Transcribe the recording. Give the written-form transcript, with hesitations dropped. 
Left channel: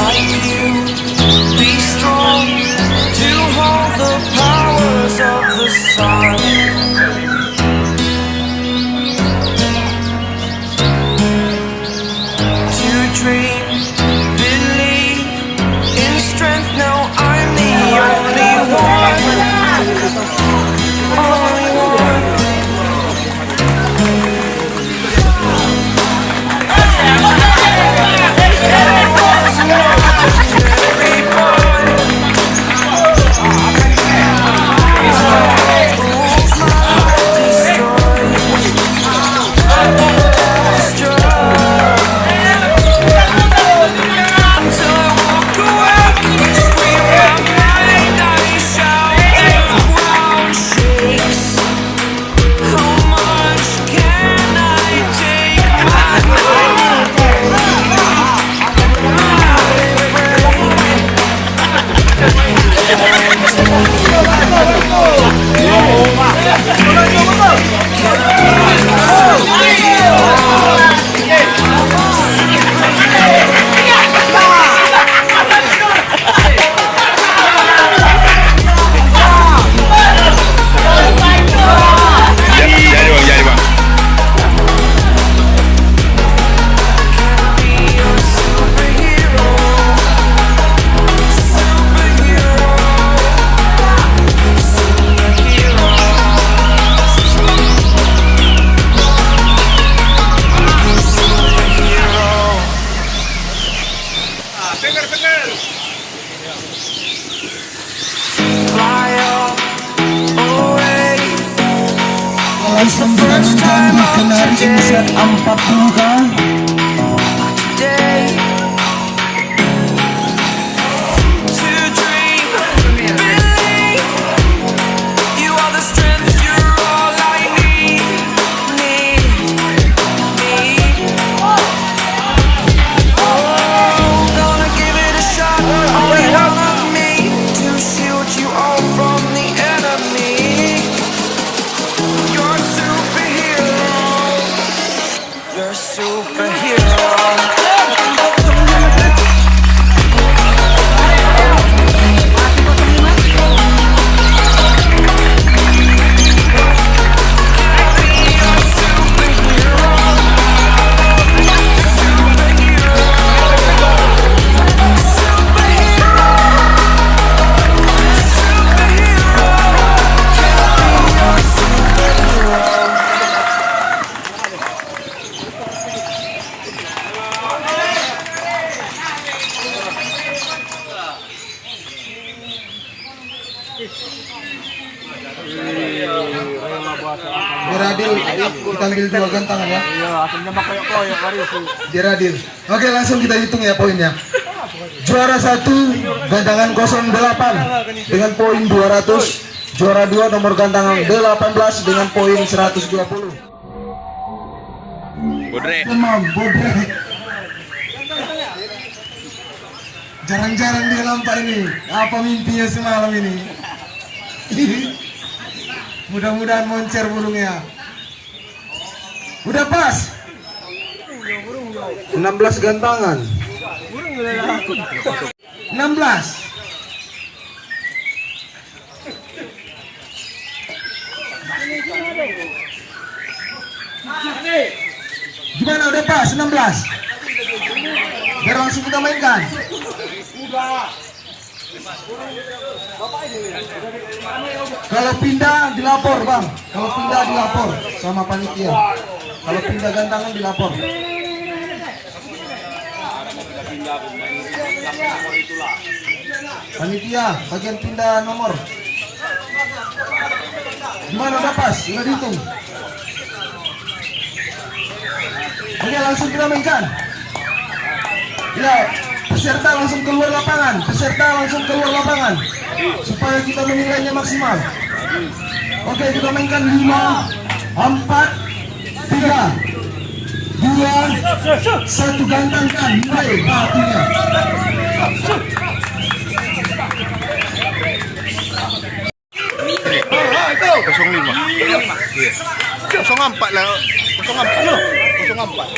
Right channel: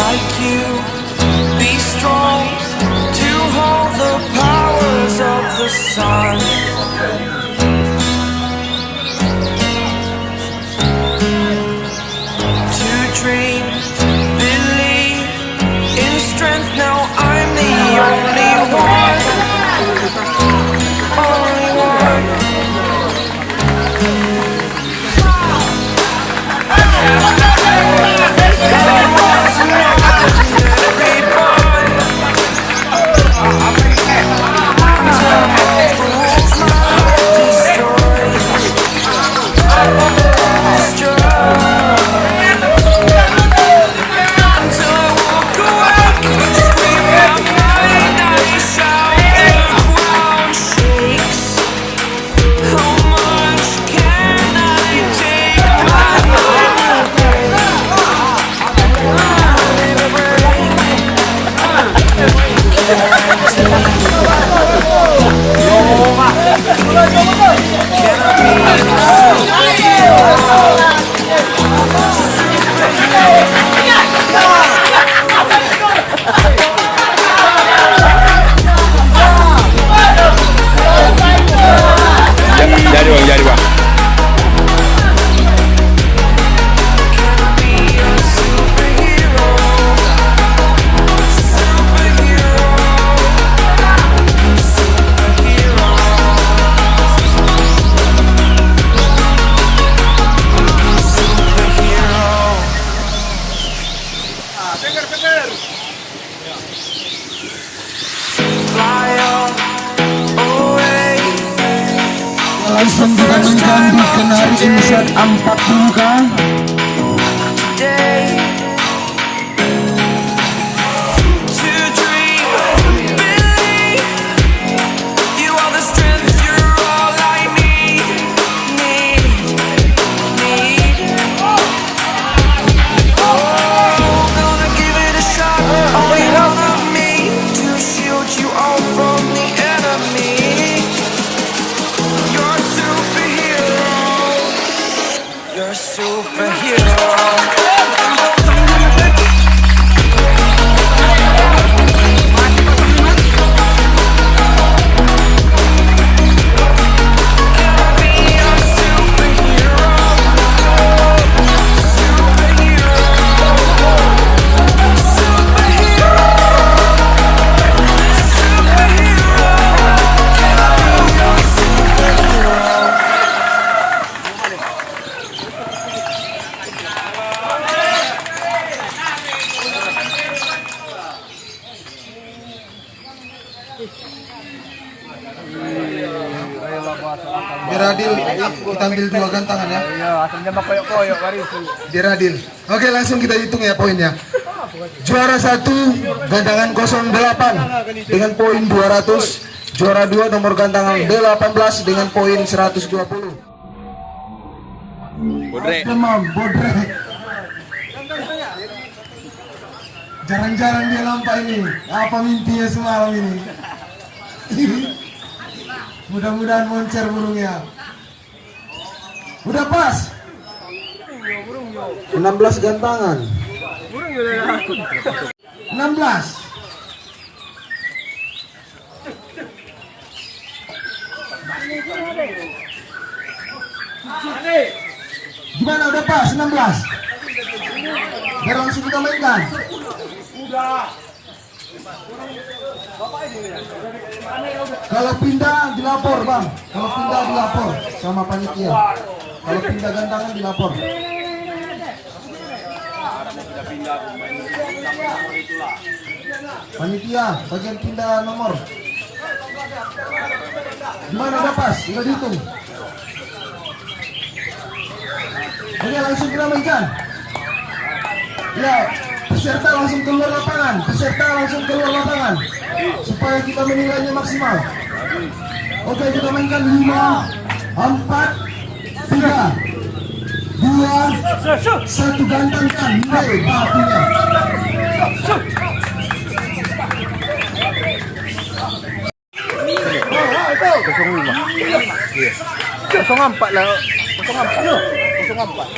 like you, be strong to hold the powers of the sun. To dream, believe in strength. Now I'm the only one, only one. Jadi bang. Langsung ditanamkan di kenari insert 40 kan. Diradil, kita ambil 2 gantangan ya. Diradil. Oke, langsung kita hitung ya poinnya. Juara 1 gantangan 08 dengan poin 200. Juara 2 nomor gantangan 18 dengan poin 120. Bodre. Bodre. Jarang-jarang dia nampak ini. Apa mimpinya semalam ini? Mudah-mudahan moncer burungnya. Udah pas. 16 gantangan. 16. Gimana udah pas 16? Biar langsung kita mainkan. Udah. Kalau pindah dilapor bang, kalau pindah dilapor sama panitia. Kalau pindah gantangan dilapor. Panitia bagian pindah nomor. Gimana udah pas? Udah dihitung. Oke langsung kita mainkan. Ya. Peserta langsung keluar lapangan, supaya kita menilainya maksimal. Oke, kita mainkan 5, 4, 3, 2, 1 gantangkan, mulai batunya. 05. Iya. 04 lah. 04. 04.